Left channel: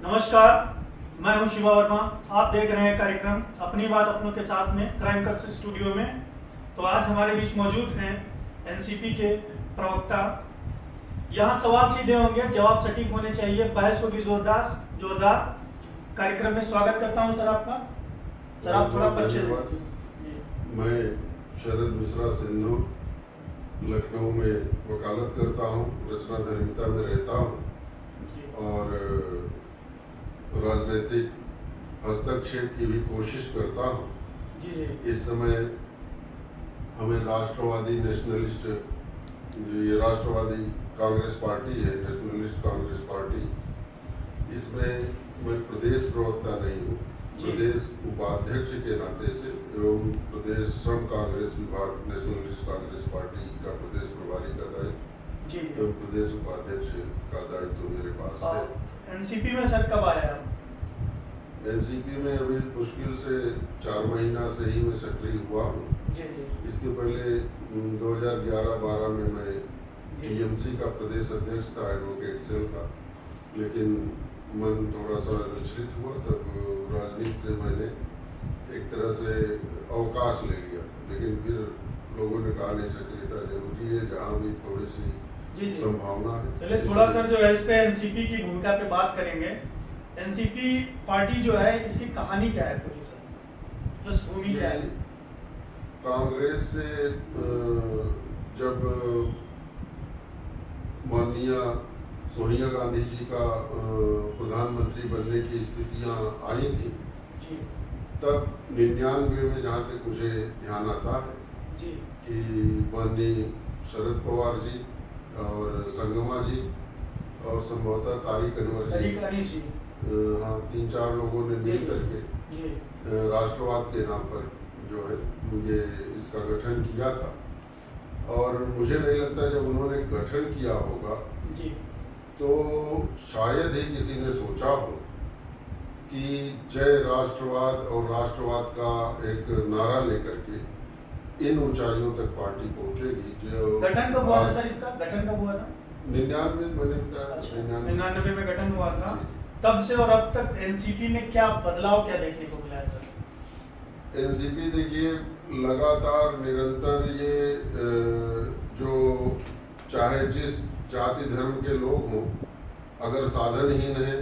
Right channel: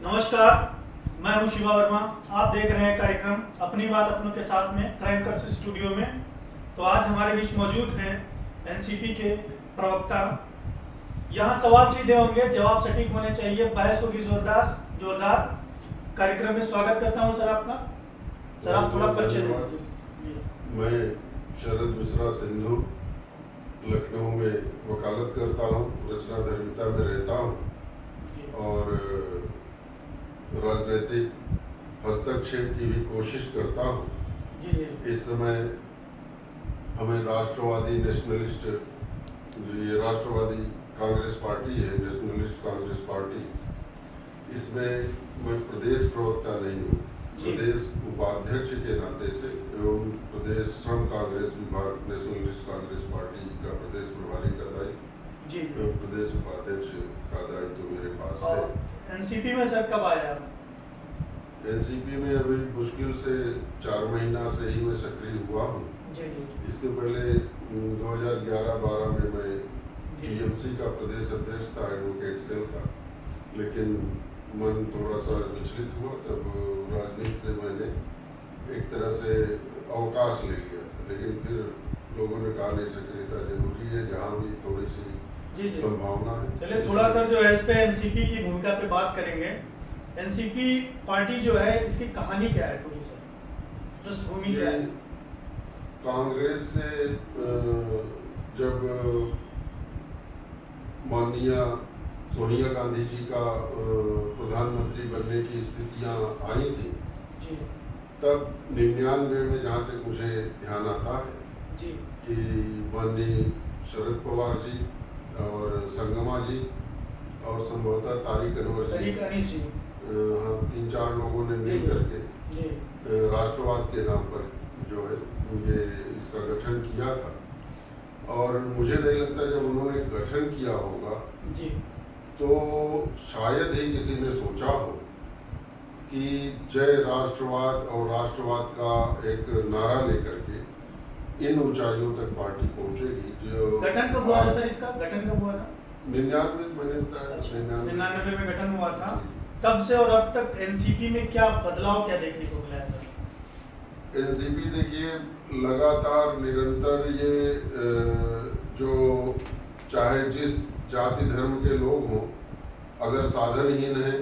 नमस्कार, मैं हूं शिवा वर्मा। आप देख रहे हैं कार्यक्रम अपनी बात अपनों के साथ में क्राइम कर्स स्टूडियो में। तो आज हमारे बीच मौजूद हैं एनसीपी के प्रवक्ता। यहां सवाल सीधे होंगे, जवाब सटीक होने चाहिए, बहस होगी जोरदार। कार्यक्रम में स्वागत करता हूं सर आपका। सर आप थोड़ा परिचय दीजिए। मैं शरद मिश्रा सिंधु लखनऊ में वकालत करता हूँ, रचना धर्मिता में रहता हूँ और राजनीतिक हस्तक्षेप की भी कोशिश करता हूँ। इस समय हमें राष्ट्रवादी नेशनलिस्ट, ये राष्ट्रवादी कांग्रेस पार्टी है, नेशनलिस्ट कांग्रेस पार्टी, इसमें मैं प्रदेश प्रवक्ता नहीं हूँ, प्रदेश उपाध्यक्ष के नाते से एवं प्रदेश श्रम कांग्रेस विभाग नेशनलिस्ट कांग्रेस पार्टी का प्रदेश प्रभारी का दायित्व एवं प्रदेश उपाध्यक्ष का दायित्व मेरे पास है। एनसीपी में सर कब आया? एनसीपी में अभी मुश्किल से 4 महीना से ही मैं सक्रिय हुआ हूँ। इसके पहले 2011-12 में मैं टीएमसी का प्रदेश अध्यक्ष था, एडवोकेट सेल का, लेकिन मन थोड़ा सा विचलित हुआ, तब राजनीति से मैंने एक तरह से अवकाश ले लिया। लेकिन फिर लोगों ने कहा नहीं, सक्रियता जरूरी है जहाँ भी थोड़ी सी संभावना है। चलिए थोड़ा सर जो है इस पे एनसीपी की भूमिका पे बात करेंगे। एनसीपी पार्टी जो है, इसकी कहानी क्या है पूरी सर, पृष्ठभूमि क्या है? कांग्रेस से जब माननीय सोनिया गांधी जी का प्रधानमंत्री बनने की स्थितियां आई थी, तब 99 में जहाँ तक मुझे ध्यान आता है कि माननीय शरद पवार जी और संगमा जी और संभवतः तारिक अनवर जी, हाँ, 3-4 लोगों ने मिल करके राष्ट्रवाद के नाम पर जो है ये इसका गठन किया था। और मुझे नहीं लगता जब उन्होंने गठन किया होगा तो शायद ही किसी ने सोचा हो कि जय राष्ट्रवाद और राष्ट्रवाद का एक नारा लेकर के इन ऊंचाइयों तक पार्टी पहुंचेगी। जो गठन कब हुआ था सर? इसका गठन कब हुआ था? 99 मैंने बताया, 99 में गठन हुआ था। तब से और अब तक एनसीपी में क्या बदलाव, क्या देखने को मिला है सर? एनसीपी देखिए लगातार निरंतर ये जो चाहे जिस जाति धर्म के लोग हों, अगर साधनहीन है,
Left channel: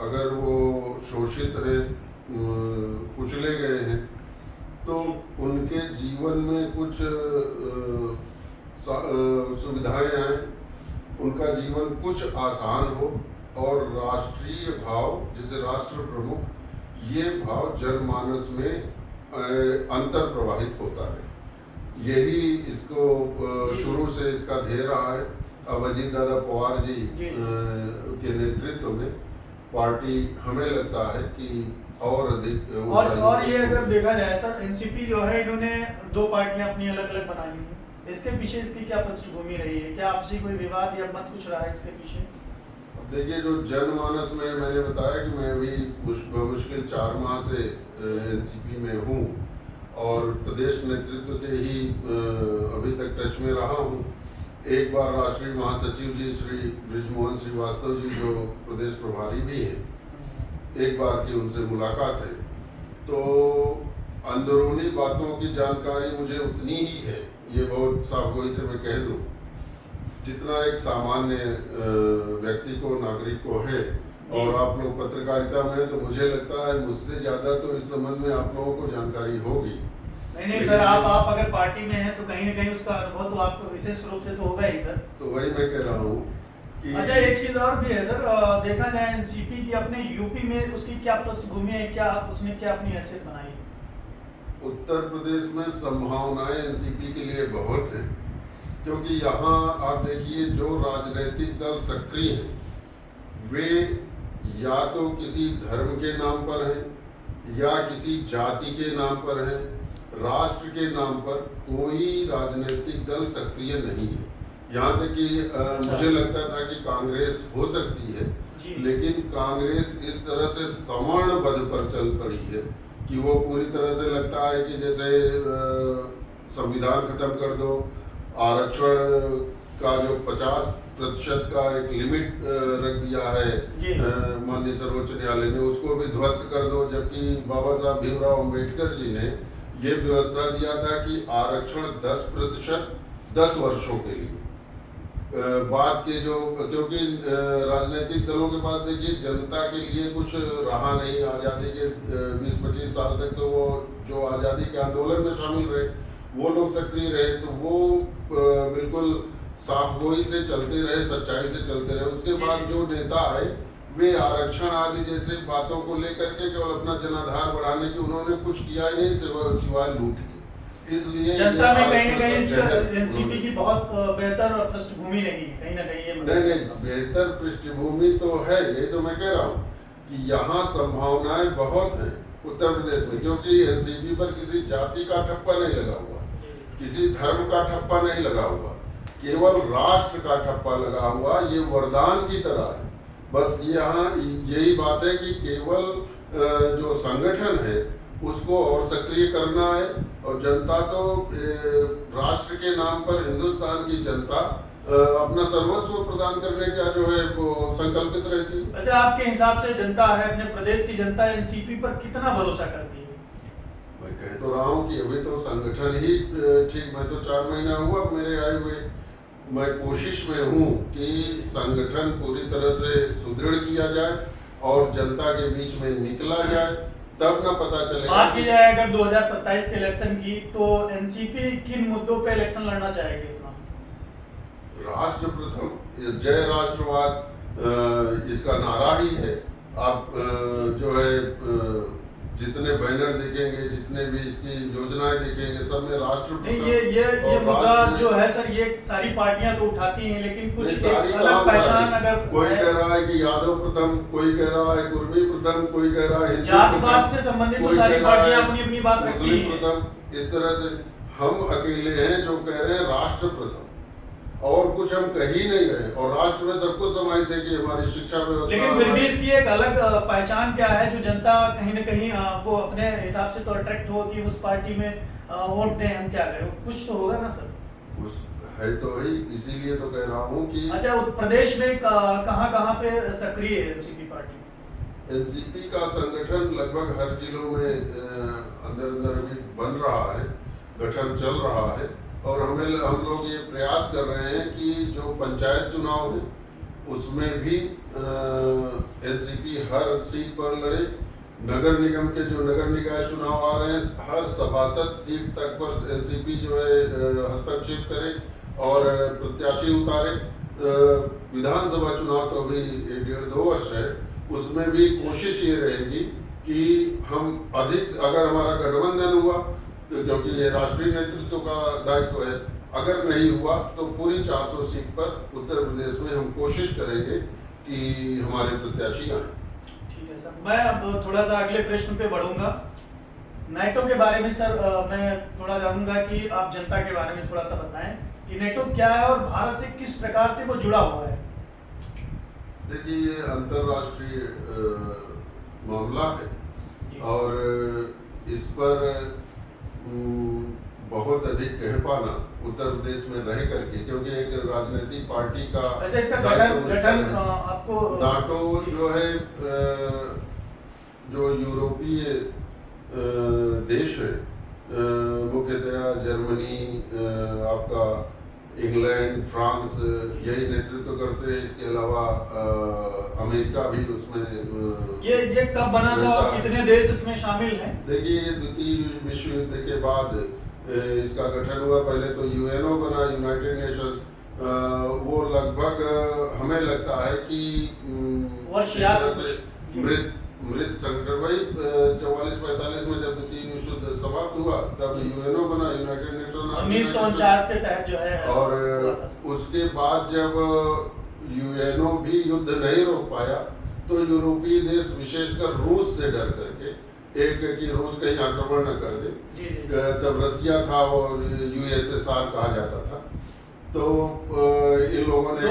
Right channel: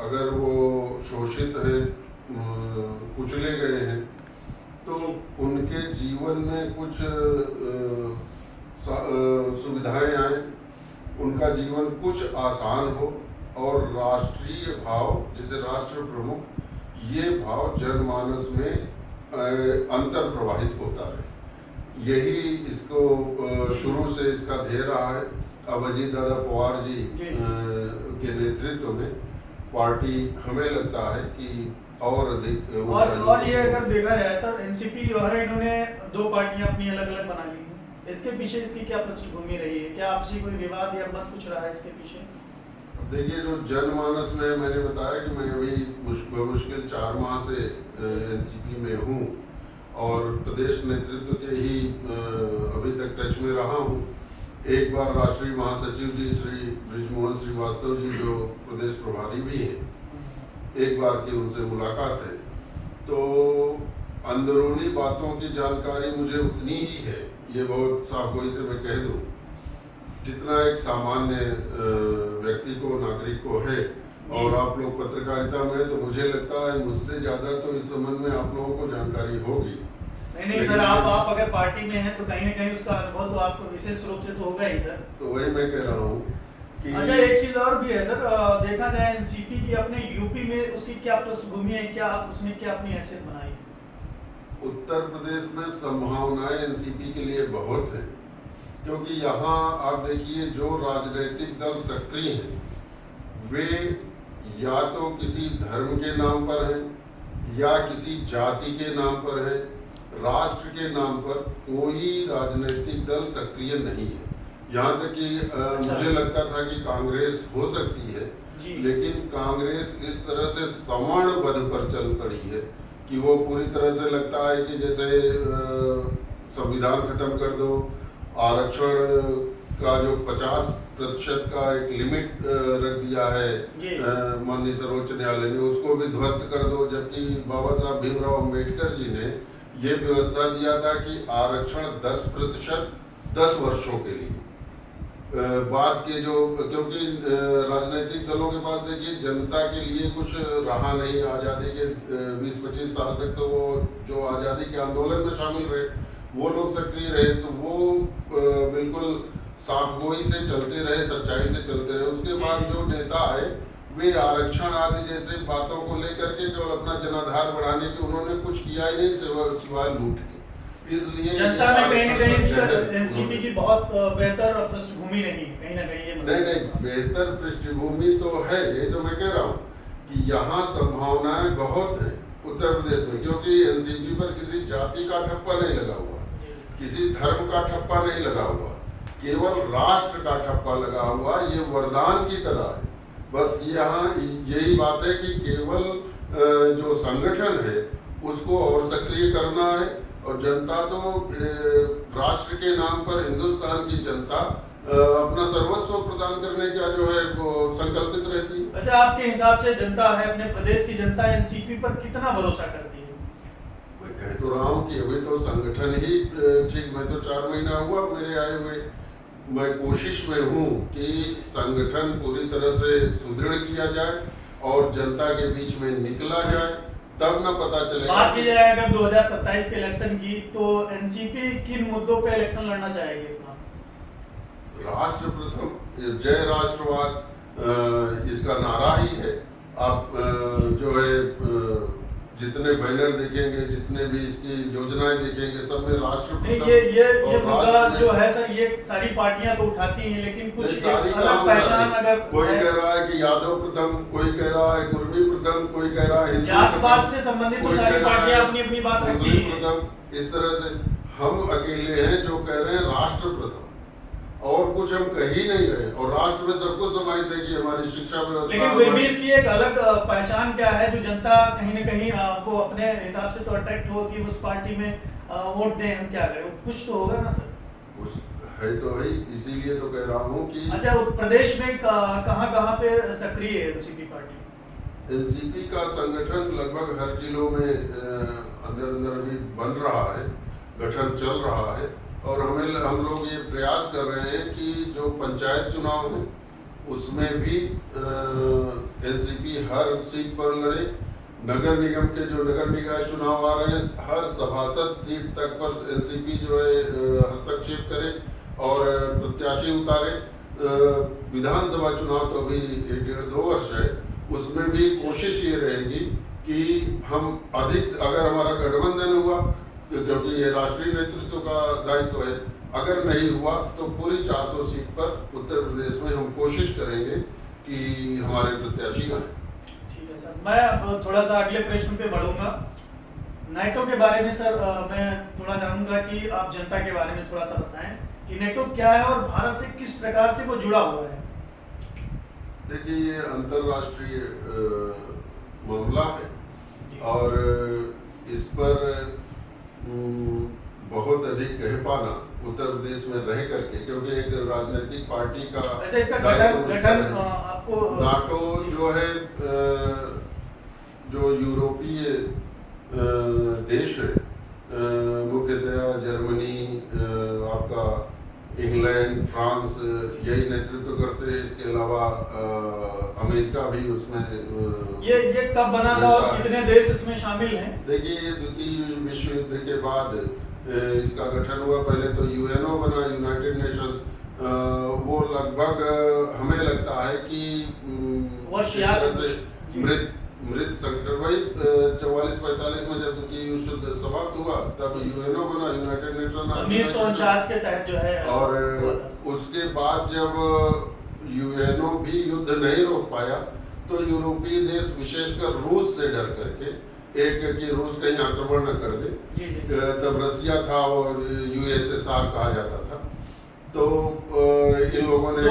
अगर वो शोषित है, कुचले गए हैं, तो उनके जीवन में कुछ सुविधाएं आए, उनका जीवन कुछ आसान हो और राष्ट्रीय भाव, जैसे राष्ट्र प्रमुख, ये भाव जनमानस में अंतर प्रवाहित होता है। यही इसको शुरू से इसका ध्येय रहा है। अब अजीत दादा पवार जी के नेतृत्व में पार्टी हमें लगता है कि और अधिक और ये अगर देखा जाए सर, एनसीपी जो है, इन्होंने 2 पार्टियां अपनी अलग अलग बना ली हैं। इसके पीछे इसकी क्या पृष्ठभूमि रही है? क्या आपसी कोई विवाद या मत कुछ रहा है इसके पीछे? देखिए, जो जनमानस में मैंने बताया कि मैं अभी मुश्किल 4 माह से एनसीपी में हूँ और प्रदेश नेतृत्व के ही अभी तक टच में रहा हूँ। एक बार राष्ट्रीय महासचिव जी श्री बृजमोहन श्रीवास्तव जी, जो प्रदेश प्रभारी भी हैं, एक बार की उनसे मुलाकात है, तो अंदरूनी बातों की जानकारी मुझे उतनी ही है, ये बहुत साफगोई से मैं कह दूँ, जितना एक सामान्य व्यक्ति को, नागरिक को है। और आप लोग पत्रकारिता में हैं, तो मुझे लगता है मुझसे ज़्यादा तो इस संबंध में आप लोगों को जानकारी होगी। नहीं सर, आप अगर पार्टी में हैं तो कहीं ना कहीं उसका अनुभव तो आपको विशेष रूप से तो होगा ही सर। तो वही मैं कह रहा हूँ कि अच्छा, एक चीज और भी है सर, देखा जाए एनसीपी की अपने यूपी में उसकी क्या पृष्ठभूमि है, क्या उसने क्या अपनी हैसियत बनाई? उत्तर प्रदेश में संभावनाएं एनसीपी के लिए बहुत हैं, क्योंकि यहाँ आप देखिए जो राजनीतिक दल सक्रिय हैं वे या तो किसी धर्म के नाम पर हैं या किसी जाति के नाम पर हैं, राष्ट्र के नाम पर कोई राजनीतिक दल सक्रिय नहीं है। यहाँ तक कि मुझे लगता था कि कांग्रेस हो सकती है, लेकिन कांग्रेस इस तरह से सवर्णबद्ध पर चल पड़ी है कि वो पूरी तरह से लगता है कि जैसे संविधान खत्म कर दो, आरक्षण का जो प्रतिशत का एक लिमिट रख दिया है माननीय सर्वोच्च न्यायालय ने, उसको भी ध्वस्त कर दो। जबकि बाबा साहब भीमराव अंबेडकर जी ने ये व्यवस्था दिया था कि आरक्षण 10% 10 वर्षों के लिए। बाद के जो, क्योंकि राजनीतिक दलों के पास देखिए जनता के लिए कुछ रहा नहीं आज़ादी के 20-25 साल तक, तो वो जो आज़ादी के आंदोलन में शामिल रहे वो लोग सक्रिय रहे, तो वो बिल्कुल साफगोई से चलते रहे, सच्चाई से चलते रहे। उसके बाद जो नेता आए वे आरक्षण आदि जैसे बातों को लेकर के केवल अपना जनाधार बढ़ाने की उन्होंने कुछ किया ही नहीं सिवाय लूट की। इसलिए जनता में कहीं न कहीं एनसीपी की बहुत बेहतर पृष्ठभूमि नहीं, कहीं ना कहीं नहीं बेहतर पृष्ठभूमि तो है, ये तो मैं कह रहा हूँ कि यहाँ संभावनाएं बहुत हैं उत्तर प्रदेश में, क्योंकि एनसीपी पर किसी जाति का ठप्पा नहीं लगा हुआ, किसी धर्म का ठप्पा नहीं लगा हुआ, केवल राष्ट्र का ठप्पा लगा हुआ। ये वरदान की तरह है। बस यहाँ यही बात है कि केवल जो संगठन है उसको और सक्रिय करना है, और जनता तो राष्ट्र के नाम पर हिंदुस्तान की जनता अपना सर्वस्व प्रदान करने का जो है वो संकल्पित रहती है। अच्छा, आपके हिसाब से जनता है, अपने प्रदेश की जनता एनसीपी पर कितना भरोसा करती है? मैं कह तो रहा हूँ कि अभी तो संगठन ही ठीक, मैं तो 4 महीना हुआ मेरे आए हुए, मैं कोशिश में हूँ कि संगठन पूरी तरह से सुदृढ़ किया जाए और जनता के बीच में निकला जाए, तब न पता चलेगा। बात की जाए अगर 2027 के इलेक्शन की, तो एनसीपी किन मुद्दों पे इलेक्शन लड़ना चाहेगी? राष्ट्र प्रथम, जय राष्ट्रवाद इसका नारा ही है। आप जो है जितने बैनर देखेंगे, जितने भी इसकी योजनाएं देखेंगे, सब में राष्ट्र प्रथम। ये मुद्दा जो है सर, ये सारी पार्टियां तो उठाती हैं, लेकिन कुछ अलग पहचान अगर कोई कह रहा है कि यादव प्रथम, कोई कह रहा है कुर्मी प्रथम, कोई कह रहा है जात-पात से संबंधित तो सारी पार्टियां अपनी बात रखती हैं प्रथम। इस तरह से हम अकेले हैं जो कह रहे हैं राष्ट्र प्रथम, और कुछ हम कह ही नहीं रहे, और राष्ट्र में सब कुछ समाहित है कि हमारी शिक्षा व्यवस्था। लेकिन फिर भी इसकी एक अलग पहचान क्या है जो जनता कहीं न कहीं वो अपने हिसाब से तो अट्रैक्ट हो कि उस पार्टी में वोट दें, हम क्या करें? कुछ तो होगा ना सर? कुछ है तो है, इसीलिए तो कह रहा हूँ कि अच्छा, उत्तर प्रदेश में कहाँ पे सक्रिय है एनसीपी पार्टी? एनसीपी का संगठन लगभग हर जिलों में अंदर अभी बन रहा है, गठन चल रहा है, और हम लोग ये प्रयास कर रहे हैं कि जो पंचायत चुनाव है उसमें भी एनसीपी हर सीट पर लड़े। नगर निगम के जो नगर निकाय चुनाव आ रहे हैं, हर सभासद सीट तक पर एनसीपी जो है हस्तक्षेप करे और प्रत्याशी उतारे। विधानसभा चुनाव तो अभी 1.5-2 वर्ष है, उसमें भी कोशिश ये रहेगी कि हम अधिक, अगर हमारा गठबंधन हुआ क्योंकि ये राष्ट्रीय नेतृत्व का दायित्व है, अगर नहीं हुआ तो पूरी 400 सीट पर उत्तर प्रदेश में हम कोशिश करेंगे कि हमारे प्रत्याशी आए। ठीक है सर, मैं अब थोड़ा सा अगले प्रश्न पे बढ़ूंगा। नेटो के बारे में सर मैं थोड़ा जानूंगा कि आप जनता के बारे में थोड़ा सा बताएं कि नेटो क्या है और भारत से किस प्रकार से वो जुड़ा हुआ है। देखिए, ये अंतर्राष्ट्रीय मामला है और इस पर बहुत अधिक कह पाना उत्तर प्रदेश में रह करके, क्योंकि एक राजनीतिक पार्टी का वैसे इसका गठन आपको नाटो जो है जो यूरोपीय देश है, मुख्यतया जर्मनी, आपका इंग्लैंड, फ्रांस, यही नेतृत्व करते हैं। इसके अलावा अमेरिका भी उसमें ये कब बना था और कितने देश इसमें शामिल हैं? देखिए, ये द्वितीय विश्व युद्ध के बाद इसका गठन हुआ। पहले तो यूएनओ बना, यूनाइटेड नेशंस, वो लगभग हमें लगता है कि वर्ष याद मृत संगठन, वही 44-45 में जब द्वितीय विश्व युद्ध समाप्त हुआ तब यूएनओ बना, यूनाइटेड नेशन 1949 के तहत जो है। और उसके बाद जब यूएनओ भी युद्ध नहीं रोक पाया तो यूरोपीय देश, विशेषकर रूस से डर करके, एक कि रूस कहीं आक्रमण न कर दे, तब रसिया था और यूएसएसआर कहा जाता था, तो इन लोगों ने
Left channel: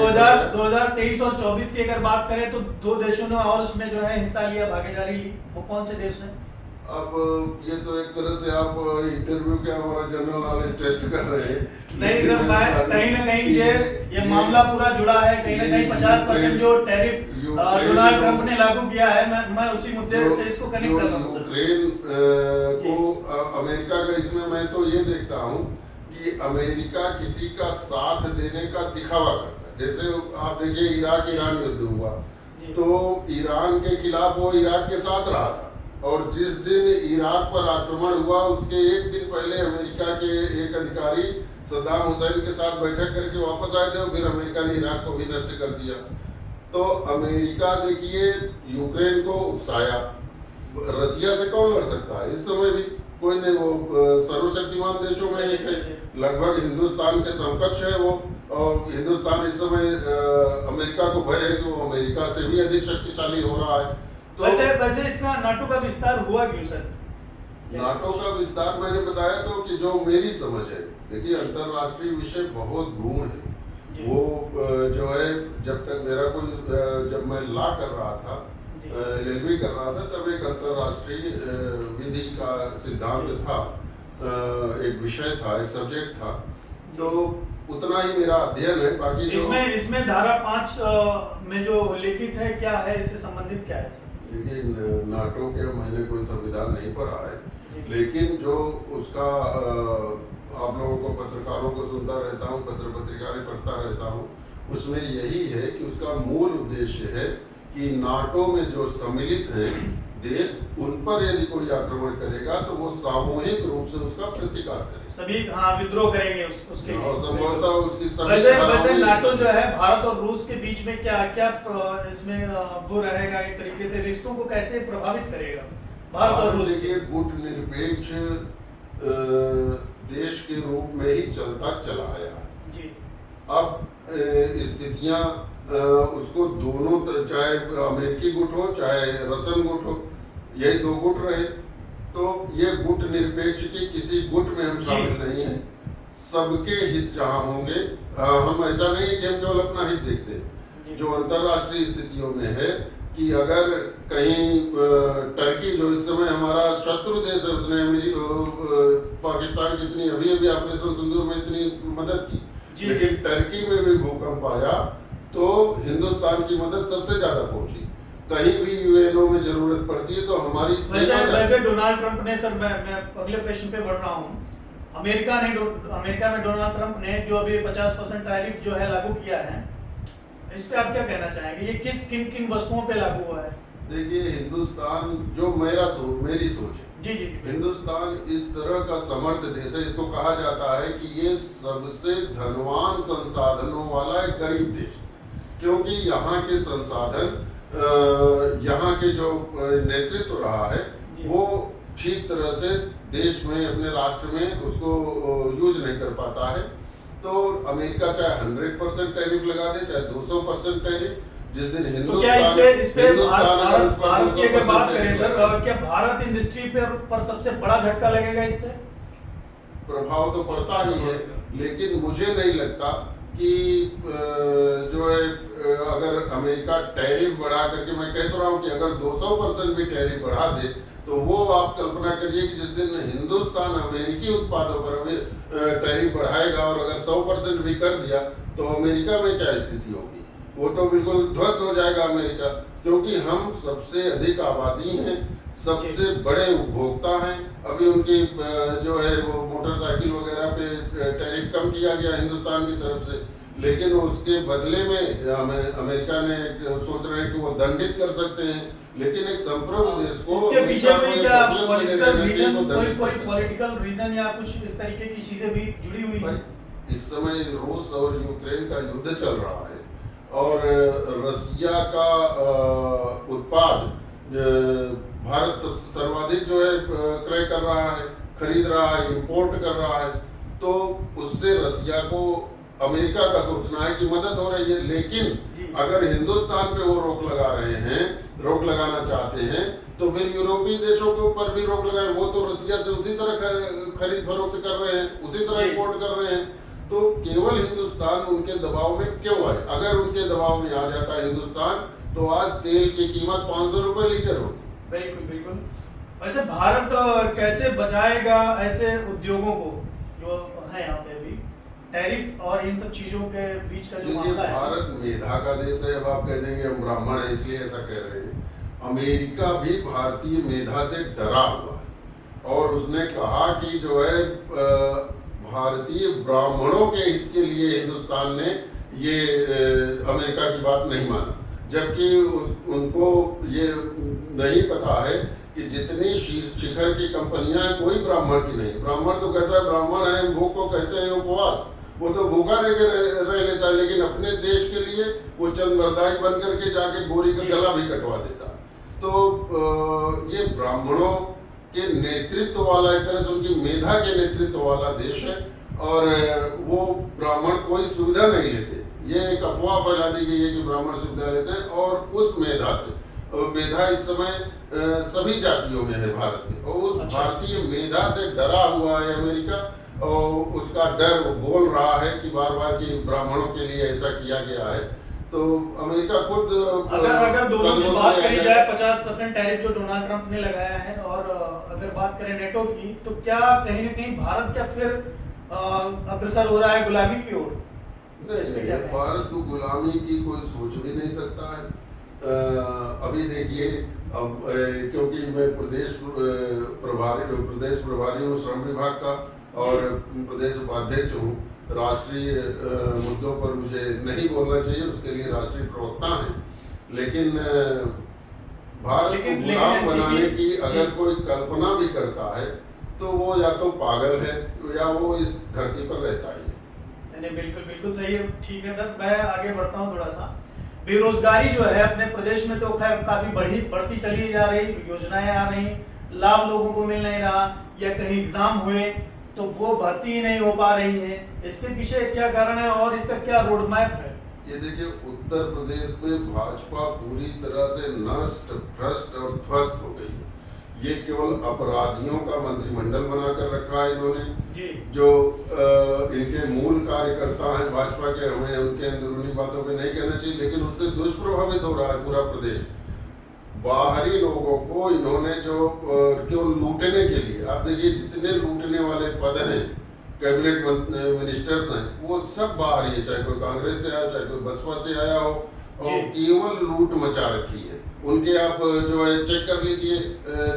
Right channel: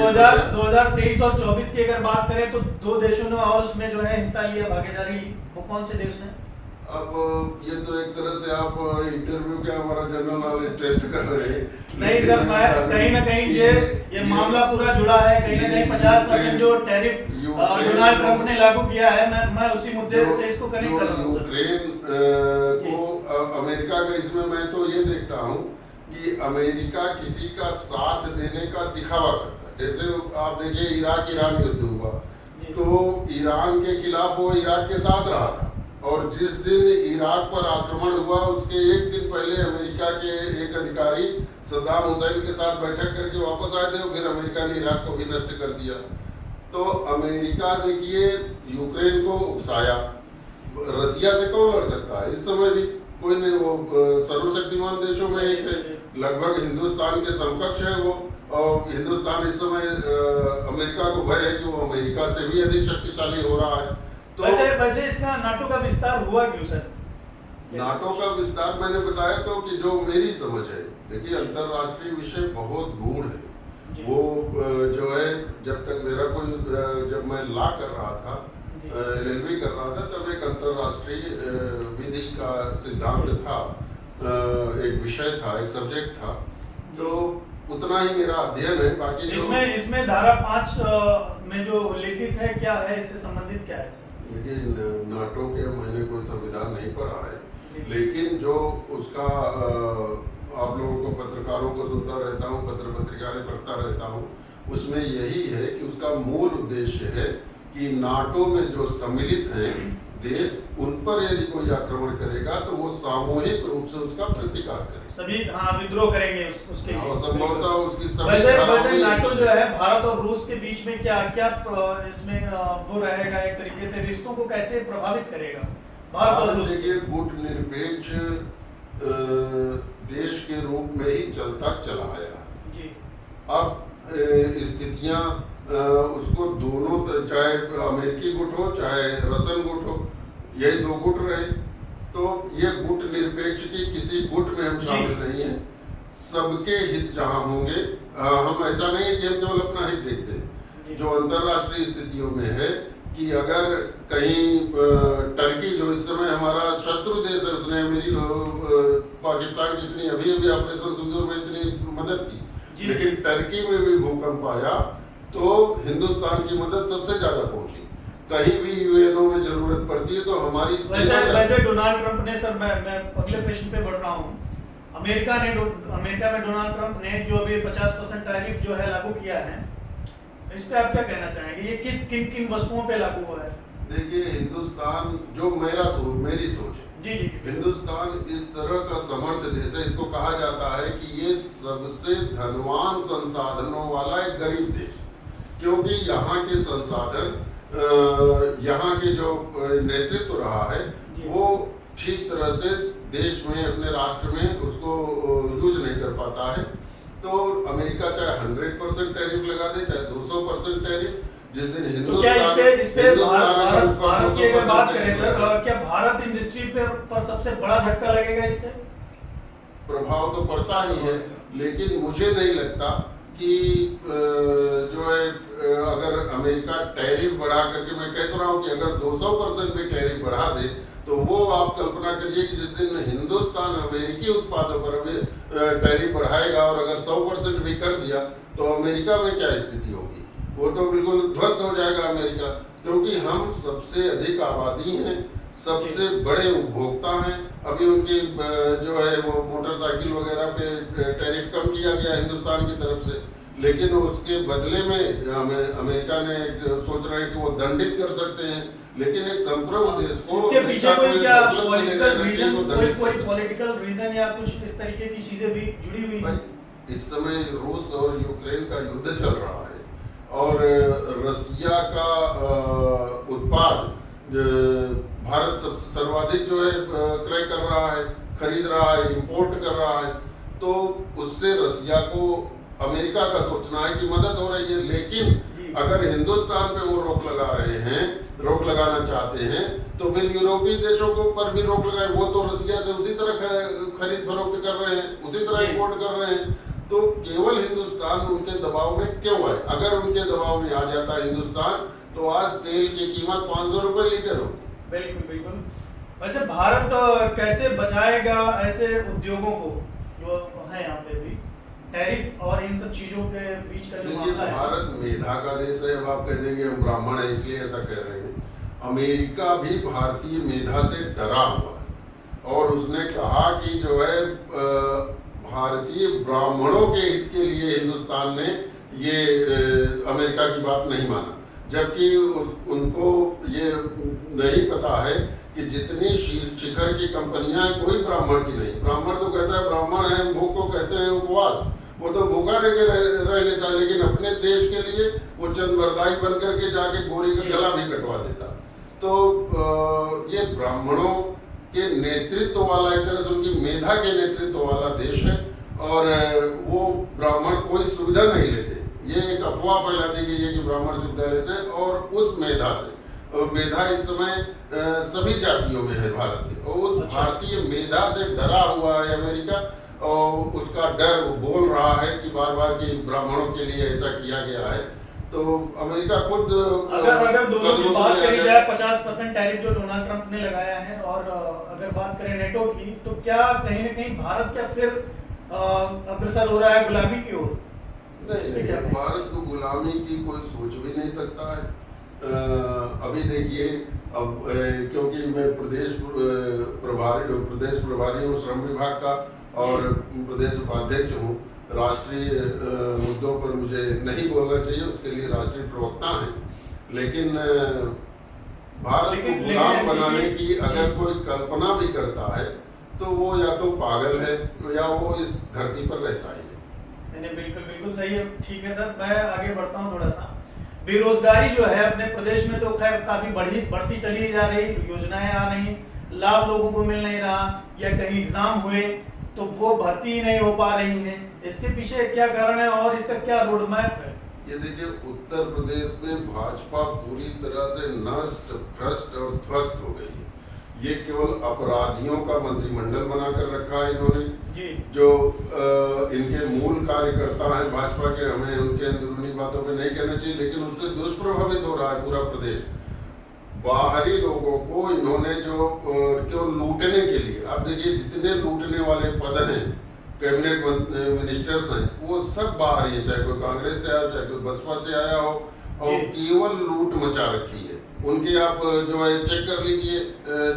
2023 और 24 की अगर बात करें तो 2 देशों ने और उसमें जो है हिस्सा लिया, भागीदारी ली। वो कौन से देश ने? अब ये तो एक तरह से आप इंटरव्यू के हमारा जनरल नॉलेज टेस्ट कर रहे हैं। नहीं सर, मैं कहीं ना कहीं ये मामला पूरा जुड़ा है, कहीं ना कहीं 50% जो टैरिफ डोनाल्ड ट्रंप ने लागू किया है, मैं उसी मुद्दे से इसको कनेक्ट कर रहा हूँ। यूक्रेन को अमेरिका का, इसमें मैं तो ये देखता हूँ कि अमेरिका किसी का साथ देने का दिखावा करता है। जैसे आप देखिए इराक ईरान युद्ध हुआ तो ईरान के खिलाफ वो इराक के साथ रहा था, और जिस दिन इराक पर आक्रमण हुआ उसके एक दिन पहले अमेरिका के एक अधिकारी सद्दाम हुसैन के साथ बैठक करके वापस आए थे, और फिर अमेरिका ने इराक को भी नष्ट कर दिया। तो अमेरिका देखिए यूक्रेन को उकसाया, रसिया से कौन लड़ सकता है? इस समय भी कोई नहीं, वो सर्वशक्तिमान देशों में एक है, लगभग हिंदुस्तान के समकक्ष है वो, और हिंदुस्तान इस समय अमेरिका को भय है कि वो अमेरिका से भी अधिक शक्तिशाली हो रहा है। तो वैसे इसका नाटो का विस्तार हुआ क्यों सर? नाटो का विस्तार मैंने बताया तो कि जो मेरी समझ है, देखिए अंतरराष्ट्रीय विषय बहुत गूढ़ है। वो जो है, जब तक मेरा कोई, जब मैं लॉ कर रहा था, LLB कर रहा था, तब एक अंतरराष्ट्रीय विधि का सिद्धांत था, एक विषय था, एक सब्जेक्ट था, तो उतना ही मेरा अध्ययन है। बाकी इसमें धारा 5 में जो लिखित है, क्या है, इससे संबंधित क्या है? देखिए नाटो के मैंने कोई संविधान नहीं पढ़ा है, लेकिन जो उसका आप लोगों को, पत्रकारों को सुनता रहता हूँ, पत्र पत्रिकाएं पढ़ता रहता हूँ, उसमें यही है कि उसका मूल उद्देश्य है कि नाटो में जो सम्मिलित हैं देश, उन पर यदि कोई आक्रमण करेगा तो वो सामूहिक रूप से उसका प्रतिकार करे, सभी विद्रोह करेंगे उसके लिए, और संभवतः उसकी वैसे नाटो जो है भारत और रूस के बीच में क्या इसमें वो रहेगा, एक तरीके से रिश्तों को कैसे प्रभावित करेगा भारत और रूस? देखिए गुट निरपेक्ष देश के रूप में ही चलता चला आया जी। अब स्थितियां उसको दोनों, चाहे अमेरिकी गुट हो चाहे रसन गुट हो, यही दो गुट रहे, तो ये गुट निरपेक्ष की किसी गुट में हम शामिल नहीं है। सबके हित जहां होंगे, हम ऐसा नहीं है कि हम केवल अपना हित देखते हैं। जो अंतरराष्ट्रीय स्थितियों में है कि अगर कहीं टर्की, जो इस समय हमारा शत्रु देश है, उसने मेरी पाकिस्तान की इतनी अभी ऑपरेशन सिंदूर में इतनी मदद की, लेकिन टर्की में भी भूकंप आया तो हिंदुस्तान की मदद सबसे ज्यादा पहुंची। कहीं भी यूएनओ में जरूरत पड़ती है तो हमारी वैसे डोनाल्ड ट्रंप ने, सर मैं अगले प्रश्न पे बढ़ रहा हूँ, अमेरिका में डोनाल्ड ट्रंप ने जो अभी 50% टैरिफ जो है लागू किया है, इस पे आप क्या कहना चाहेंगे? ये किन वस्तुओं पे लागू हुआ है? देखिए हिंदुस्तान, जो मेरी सोच है, जी, हिंदुस्तान इस तरह का समर्थ देश है, इसको कहा जाता है कि ये सबसे धनवान संसाधनों वाला एक गरीब देश, क्योंकि यहाँ के संसाधन, यहाँ के जो नेतृत्व रहा है वो ठीक तरह से देश में, अपने राष्ट्र में उसको यूज नहीं कर पाता है। तो अमेरिका चाहे 100% टैरिफ लगा दे, चाहे 200% टैरिफ, जिस दिन भारत की अगर बात करें सर, क्या भारत इंडस्ट्री पर सबसे बड़ा झटका लगेगा इससे? प्रभाव तो पड़ता ही है, लेकिन मुझे नहीं लगता कि जो है, अगर अमेरिका टैरिफ बढ़ा करके, मैं कह तो रहा हूँ कि अगर 200% भी टैरिफ बढ़ा दे, तो वो आप कल्पना करिए कि जिस दिन हिंदुस्तान अमेरिकी उत्पादों पर अभी टैरिफ बढ़ाएगा, और अगर 100% भी कर दिया, तो अमेरिका में क्या स्थिति होगी? वो तो बिल्कुल ध्वस्त हो जाएगा अमेरिका, क्योंकि हम सबसे अधिक आबादी हैं, सबसे बड़े उपभोक्ता हैं। अभी उनकी जो है वो मोटरसाइकिल वगैरह पे टैरिफ कम किया गया हिंदुस्तान की तरफ से, लेकिन उसके बदले में अमेरिका ने सोच रहे हैं कि वो दंडित कर सकते हैं, लेकिन एक संप्रभु देश को इसके पीछे कोई क्या पॉलिटिकल रीजन या कुछ इस तरीके की चीजें भी जुड़ी हुई हैं? इस समय रूस और यूक्रेन का युद्ध चल रहा है, और रसिया का उत्पाद भारत सबसे सर्वाधिक जो है क्रय कर रहा है, खरीद रहा है, इंपोर्ट कर रहा है, तो उससे रसिया को अमेरिका का सोचना है कि मदद हो रही है। लेकिन अगर हिंदुस्तान पे वो रोक लगा रहे हैं, रोक लगाना चाहते हैं, तो फिर यूरोपीय देशों के ऊपर भी रोक लगाए। वो तो रसिया से उसी तरह खरीद फरोख्त कर रहे हैं, उसी तरह इंपोर्ट कर रहे हैं, तो केवल हिंदुस्तान उनके दबाव में क्यों आए? अगर उनके दबाव में आ जाता हिंदुस्तान, तो आज तेल की कीमत 500 रुपए लीटर होती। बिल्कुल बिल्कुल। वैसे भारत कैसे बचाएगा ऐसे उद्योगों को जो है यहाँ पे भी टैरिफ और इन सब चीजों के बीच का जो देखिए, मामला है? भारत मेधा का देश है। अब आप कह देंगे हम ब्राह्मण हैं इसलिए ऐसा कह रहे हैं। अमेरिका भी भारतीय मेधा से डरा हुआ है और उसने कहा कि जो है भारतीय ब्राह्मणों के हित के लिए हिंदुस्तान ने ये अमेरिका की बात नहीं माना, जबकि उनको ये नहीं पता है कि जितनी शिखर की कंपनियां कोई ब्राह्मण की नहीं। ब्राह्मण तो कहता है ब्राह्मण है, भूख को कहते हैं उपवास, वो तो भूखा रह लेता है, लेकिन अपने देश के लिए वो चंद वरदाई बन करके जाके गोरी का गला भी कटवा देता है। तो ये ब्राह्मणों के नेतृत्व वाला, एक तरह से उनकी मेधा के नेतृत्व वाला देश है और वो ब्राह्मण कोई सुविधा नहीं लेते। ये एक अफवाह फैला दी गई है कि ब्राह्मण सुविधा लेते हैं और उस मेधा से, मेधा इस समय सभी जातियों में है भारत के, और उस भारतीय मेधा से डरा हुआ है अमेरिका और उसका डर वो बोल रहा है कि बार बार कि ब्राह्मणों के लिए ऐसा किया गया है। तो अमेरिका खुद अगर दोनों की बात करी जाए 50% टैरिफ जो डोनाल्ड ट्रंप ने लगाया है और अगर बात करें नेटो की, तो क्या कहीं ना कहीं भारत क्या फिर अग्रसर हो रहा है गुलामी की ओर? नहीं, भारत को गुलामी की कोई सोच भी नहीं सकता है। अभी देखिए, अब क्योंकि मैं प्रदेश प्रभारी हूँ श्रम विभाग का और प्रदेश उपाध्यक्ष हूँ, राष्ट्रीय मुद्दों पर मुझे नहीं बोलना चाहिए, उसके लिए राष्ट्रीय प्रवक्ता हैं। लेकिन भारत को गुलाम बनाने की अगर कोई कल्पना भी करता है तो वो या तो पागल है या वो इस धरती पर रहता ही नहीं। बिल्कुल बिल्कुल सही है। ठीक है सर, मैं आगे बढ़ता हूँ थोड़ा सा। बेरोजगारी जो है अपने प्रदेश में तो खैर काफी बढ़ती चली जा रही, योजनाएं आ रही, लाभ लोगों को मिल नहीं रहा, या कहीं एग्जाम हुए तो वो भर्ती ही नहीं हो पा रही है। इसके पीछे क्या कारण है और इसका क्या रोड मैप है? ये देखिए, उत्तर प्रदेश में भाजपा पूरी तरह से नष्ट, भ्रष्ट और ध्वस्त हो गई है। ये केवल अपराधियों का मंत्रिमंडल बनाकर रखा है इन्होंने जी। जो इनके मूल कार्यकर्ता हैं भाजपा के, हमें उनके अंदरूनी बातों पे नहीं कहना चाहिए, लेकिन उससे दुष्प्रभावित हो रहा है पूरा प्रदेश। बाहरी लोगों को इन्होंने जो केवल लूटने के लिए, आप देखिए जितने लूटने वाले पद हैं, कैबिनेट मिनिस्टर्स हैं, वो सब बाहरी है, चाहे कोई कांग्रेस से आया हो, चाहे कोई बसपा से आया हो, और केवल लूट मचा रखी है उनके। आप जो है चेक कर लीजिए,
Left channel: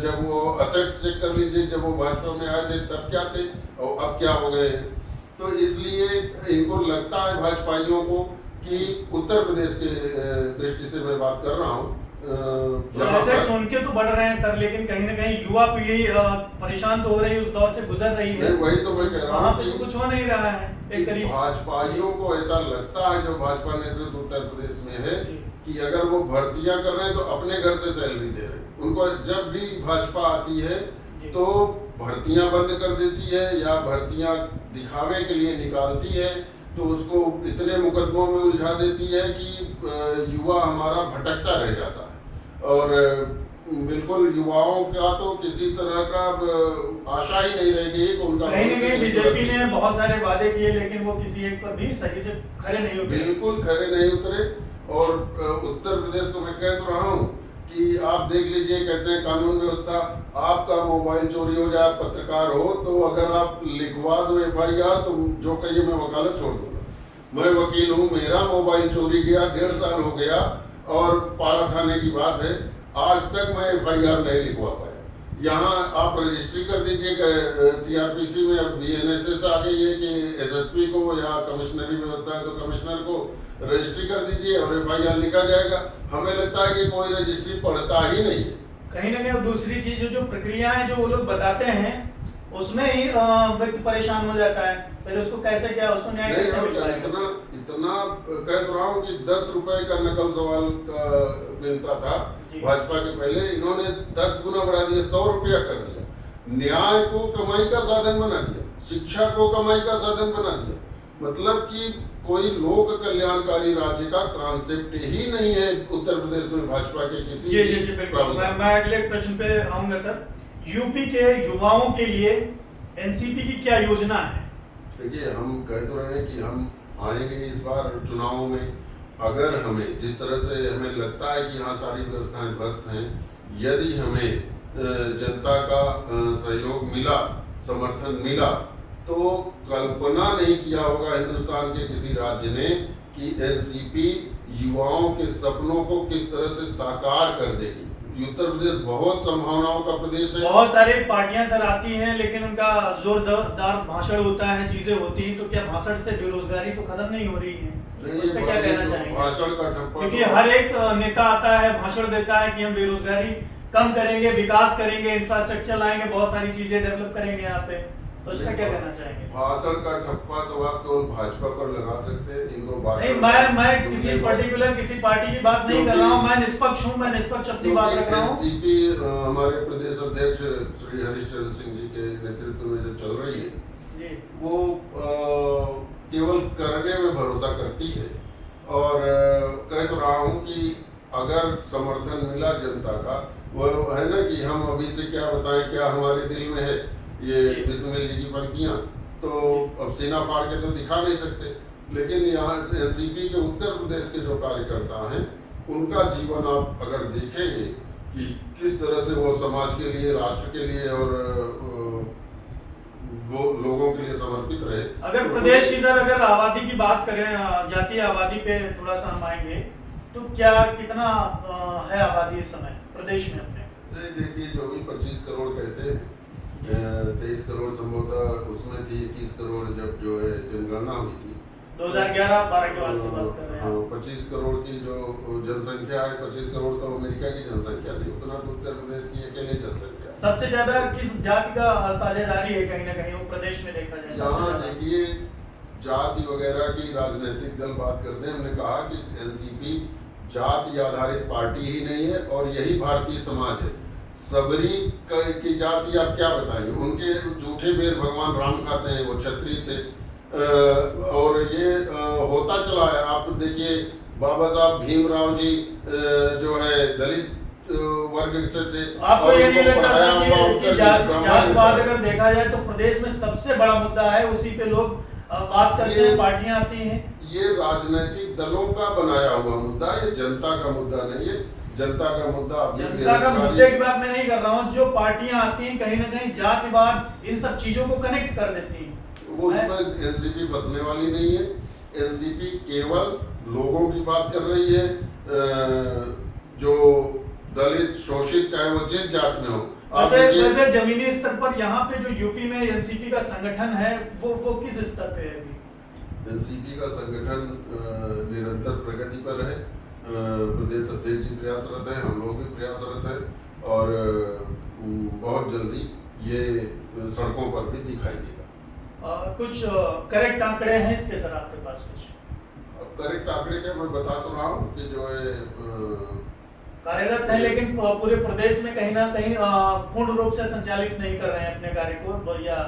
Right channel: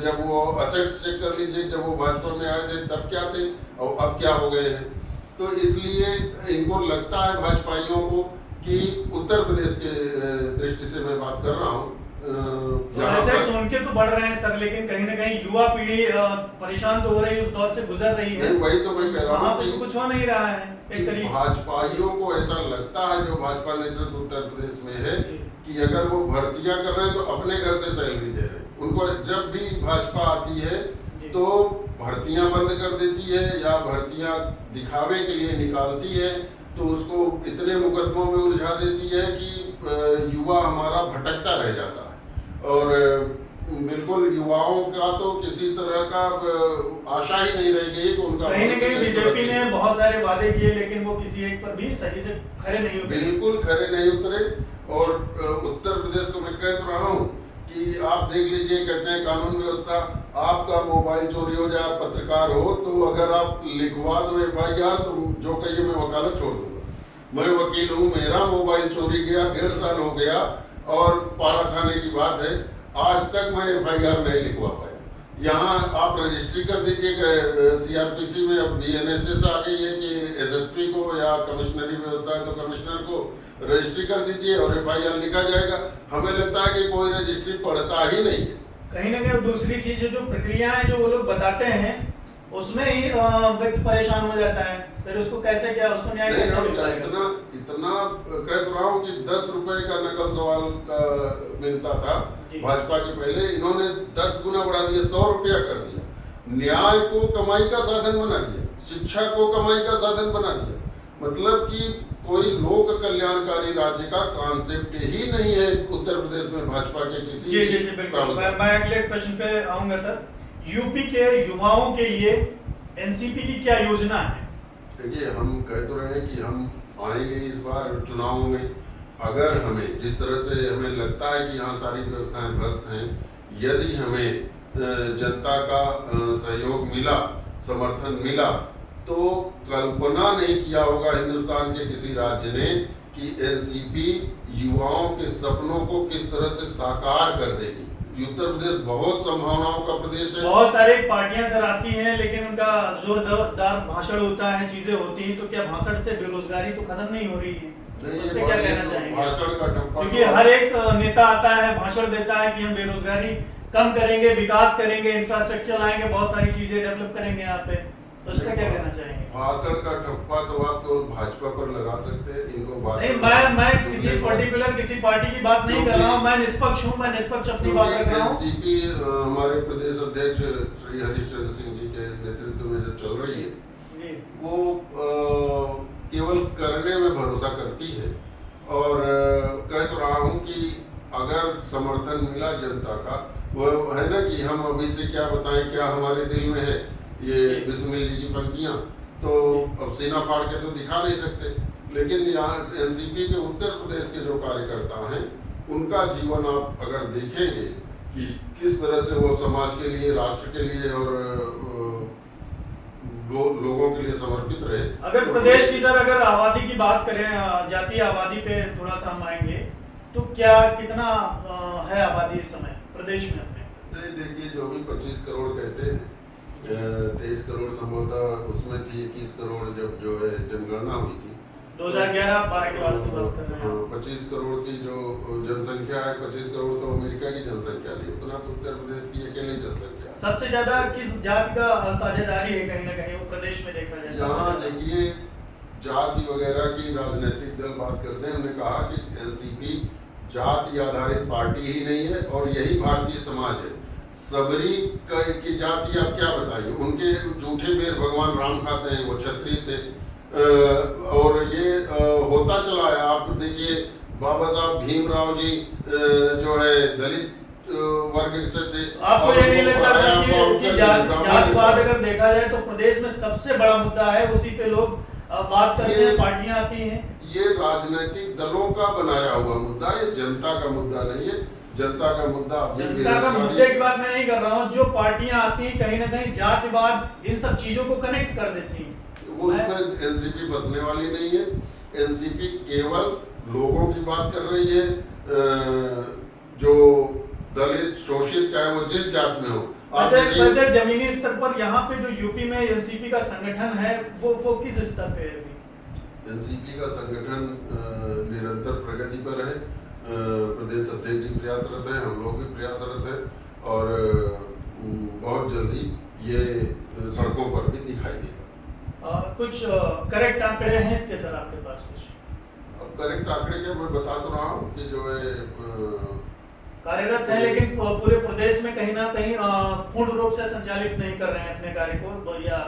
जब वो असेट्स चेक कर लीजिए, जब वो भाजपा में आए थे तब क्या थे और अब क्या हो गए हैं। तो इसलिए इनको लगता है भाजपाइयों को कि उत्तर प्रदेश के दृष्टि से मैं बात कर रहा हूँ, एसेट्स उनके तो बढ़ रहे हैं सर, लेकिन कहीं ना कहीं युवा पीढ़ी परेशान तो हो रही है, उस दौर से गुजर रही है। वही तो मैं कह रहा हूँ कि कुछ हो नहीं रहा है। एक तरीके भाजपाइयों को ऐसा लगता है, जो भाजपा नेतृत्व उत्तर प्रदेश में है, कि अगर वो भर्तियां कर रहे हैं तो अपने घर से सैलरी दे रहे हैं। उनको जब भी भाजपा आती है तो भर्तियां बंद कर देती है या भर्तियां दिखावे के लिए निकालती है, तो उसको इतने मुकदमों में उलझा देती है कि युवा हमारा भटकता रह जाता है। और बिल्कुल युवाओं का तो किसी तरह का आशा ही नहीं रह गई कि उनका कहीं ना कहीं बीजेपी ने बहुत सारे वादे किए, लेकिन वो किसी एक पर भी सही से खरे नहीं उतरे। बिल्कुल खरे नहीं उतरे। और उत्तर प्रदेश को मैं कह तो रहा हूँ कि आप देख लीजिए, कहते हैं कानून व्यवस्था, आपका मोबाइल चोरी हो जाए, पत्रकार हो, तो अगर आप लिखवा दो FIR तो जो कहिए मैं वकालत छोड़ दूंगा। मैं वकील हूँ, मेरा मोबाइल चोरी गया, 1.5 साल हो गया और पारा थाने की बात है, आज तक मैं FIR नहीं लिखवा पाया। यहाँ आप रजिस्ट्री कर दीजिए, CRPC में अब BNSS आ गई है कि SSP को या कमिश्नरी व्यवस्था है तो कमिश्नर को रजिस्ट्री कर दीजिए और FIR लिखा जाएगा। हमें लगता है कि कोई रजिस्ट्री पढ़ता ही नहीं है। कहीं ना कहीं दूसरी चीज जो प्रक्रिया है जो वो लोग बताते हैं उसमें ही व्यक्ति परेशान हो जाता है, फिर उसको कैसे क्या उसको न्याय कैसे मिलता है? इतना कह रहा हूँ कि 10 रुपए का नकल सवाल का मिलता था भाजपा के पहले, इन्होंने 10 गुना बढ़ा दिया, 100 रुपया कर दिया। न्याय को कमाई का साधन बना दिया, शिक्षा को कमाई का साधन बना दिया। मतलब कि कोई लोक कल्याणकारी राज्य का कॉन्सेप्ट ही नहीं है उत्तर प्रदेश में भाजपा के किसी। जी बिल्कुल। मैं अगले प्रश्न पे आऊंगा सर। यूपी के युवाओं के लिए एनसीपी की क्या योजना है? देखिए, हम कह तो रहे हैं कि हम आएंगे इस बार चुनावों में, अगर हमें जिस तरह से हमें लगता है कि यहाँ सारी व्यवस्थाएं ध्वस्त हैं, यदि हमें जनता का सहयोग मिला, समर्थन मिला, तो कल्पना नहीं किया होगा हिंदुस्तान के किसी राज्य ने कि एनसीपी युवाओं के सपनों को किस तरह से साकार कर देगी। उत्तर प्रदेश बहुत संभावनाओं का प्रदेश है। बहुत सारी पार्टियां सर आती हैं, लेकिन उनका जोरदार भाषण होता है, चीजें होती हैं, तो क्या भाषण से बेरोजगारी तो खत्म नहीं हो रही है? उस पे क्या कहना चाहेंगे? भाषण का ठप्पा, क्योंकि हर एक नेता आता है, भाषण देता है कि हम बेरोजगारी कम करेंगे, विकास करेंगे, इंफ्रास्ट्रक्चर लाएंगे, बहुत सारी चीजें डेवलप करेंगे यहाँ पे, तो उसका क्या कहना चाहेंगे? भाषण का ठप्पा तो आप तो भाजपा पर लगा सकते हैं, इनको नहीं, मैं किसी पर्टिकुलर किसी पार्टी की बात नहीं कर रहा हूँ, मैं निष्पक्ष हूँ, मैं निष्पक्ष अपनी बात कर रहा हूँ। एनसीपी हमारे प्रदेश अध्यक्ष श्री हरिश्चंद्र सिंह जी के नेतृत्व में जो चल रही है, वो केवल करने में भरोसा करती है, और कह तो रहा हूँ कि अगर समर्थन मिला जनता का, वो है ना कि हम अभी से क्या बताएं क्या हमारे दिल में है, ये बिस्मिल जी की पंक्तियां तो अब सीना फाड़ के तो दिखा नहीं सकते, लेकिन यहाँ एनसीपी के उत्तर प्रदेश के जो कार्यकर्ता हैं, उनका जीवन आप अगर देखेंगे कि किस तरह से वो समाज के लिए, राष्ट्र के लिए और लोगों के लिए समर्पित रहे। अगर तो प्रदेश की सर अगर आबादी की बात करें, जातीय आबादी पे थोड़ा सा हम आएंगे, तो क्या कितना है आबादी इस समय प्रदेश में अपने? नहीं, देखिए जो भी 25 करोड़ कहते हैं, 23 करोड़ संभवतः उसमें थी, 21 करोड़ जब जो है जनगणना हुई थी 2011-12 के वास्ते बात कर रहे हैं। 25 करोड़ की जो जनसंख्या है, 25 करोड़ तो अमेरिका की जनसंख्या नहीं, उतना तो उत्तर प्रदेश की अकेली जनसंख्या। सबसे ज्यादा किस जाति का साझेदारी है कहीं ना कहीं वो प्रदेश में देखा जाए? यहाँ देखिए जाति वगैरह की राजनीतिक दल बात करते हैं, हमने कहा कि एनसीपी जाति आधारित पार्टी ही नहीं है, और यही भारतीय समाज है। सबरी की जाति आप क्या बताएंगे, उनके जूठे बेर भगवान राम खाते हैं, वो क्षत्रिय थे, और ये होता चला है। आप देखिए बाबा साहब भीमराव जी जो है दलित वर्ग से थे। आपको ये नहीं लगता था कि जातिवाद अगर देखा जाए तो प्रदेश में सबसे बड़ा मुद्दा है, उसी पे लोग बात करते हैं, पार्टियां आती हैं? ये राजनीतिक दलों का बनाया हुआ मुद्दा, ये जनता का मुद्दा नहीं है। जनता का मुद्दा जनता का मुद्दे की बात मैं नहीं कर रहा हूँ, जो पार्टियां आती हैं कहीं ना कहीं जातिवाद इन सब चीजों को कनेक्ट कर देती हैं। वो उसमें एनसीपी फंसने वाली नहीं है। एनसीपी केवल लोगों की बात कर रही है, जो दलित, शोषित, चाहे वो जिस जात में हो। वैसे जमीनी स्तर पर यहाँ पे जो यूपी में एनसीपी का संगठन है, वो किस स्तर पे है? एनसीपी का संगठन निरंतर प्रगति पर है। प्रदेश अध्यक्ष जी प्रयासरत हैं, हम लोग भी प्रयासरत हैं, और बहुत जल्दी ये सड़कों पर भी दिखाई देगा। कुछ करेक्ट आंकड़े हैं इसके सर आपके पास? कुछ अब करेक्ट आंकड़े क्या, मैं बता तो रहा हूँ कि जो है कार्यरत है, लेकिन पूरे प्रदेश में कहीं ना कहीं पूर्ण रूप से संचालित नहीं कर रहे हैं अपने कार्य को, या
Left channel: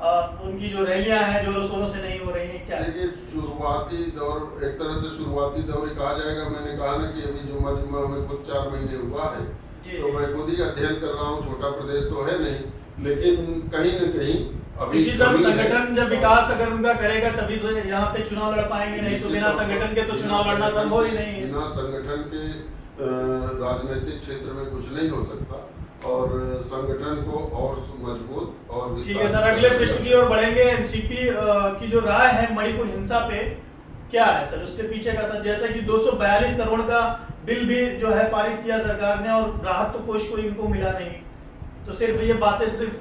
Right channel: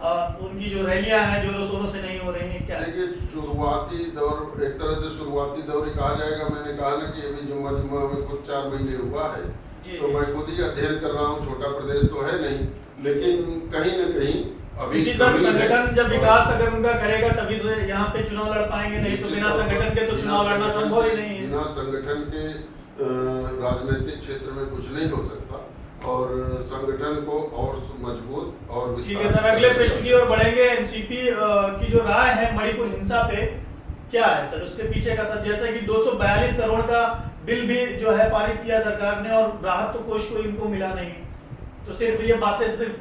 उनकी जो रैलियां हैं जोरों शोरों से नहीं हो रही हैं क्या? देखिए शुरुआती दौर, एक तरह से शुरुआती दौर ही कहा जाएगा। मैंने कहा ना कि अभी जुम्मा में कुछ 4 महीने हुआ है, तो मैं खुद ही अध्ययन कर रहा हूँ। छोटा प्रदेश तो है नहीं, लेकिन कहीं न कहीं अभी संगठन जब विकास अगर उनका करेगा तभी तो यहाँ पे चुनाव लड़ पाएंगे, नहीं तो बिना संगठन के तो चुनाव लड़ना संभव ही नहीं है। बिना संगठन के राजनीतिक क्षेत्र में कुछ नहीं हो सकता, और संगठन को और मजबूत और ठीक है सर, अगले प्रश्न की ओर बढ़ेंगे। एनसीपी की जो राय है मणिपुर हिंसा पे क्या है सर, उसके पीछे का सर? जैसे कि 242 करोड़ का बिल भी जो है पारित किया सरकार ने, और राहत तो कोष को इनको मिला नहीं, तो सिर्फ ये बातें सिर्फ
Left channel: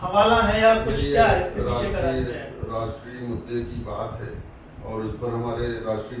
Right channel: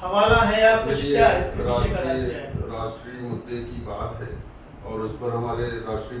हवाला है या कुछ क्या है इसके पीछे का राज क्या है? राष्ट्रीय मुद्दे की बात है, और उस पर हमारे राष्ट्रीय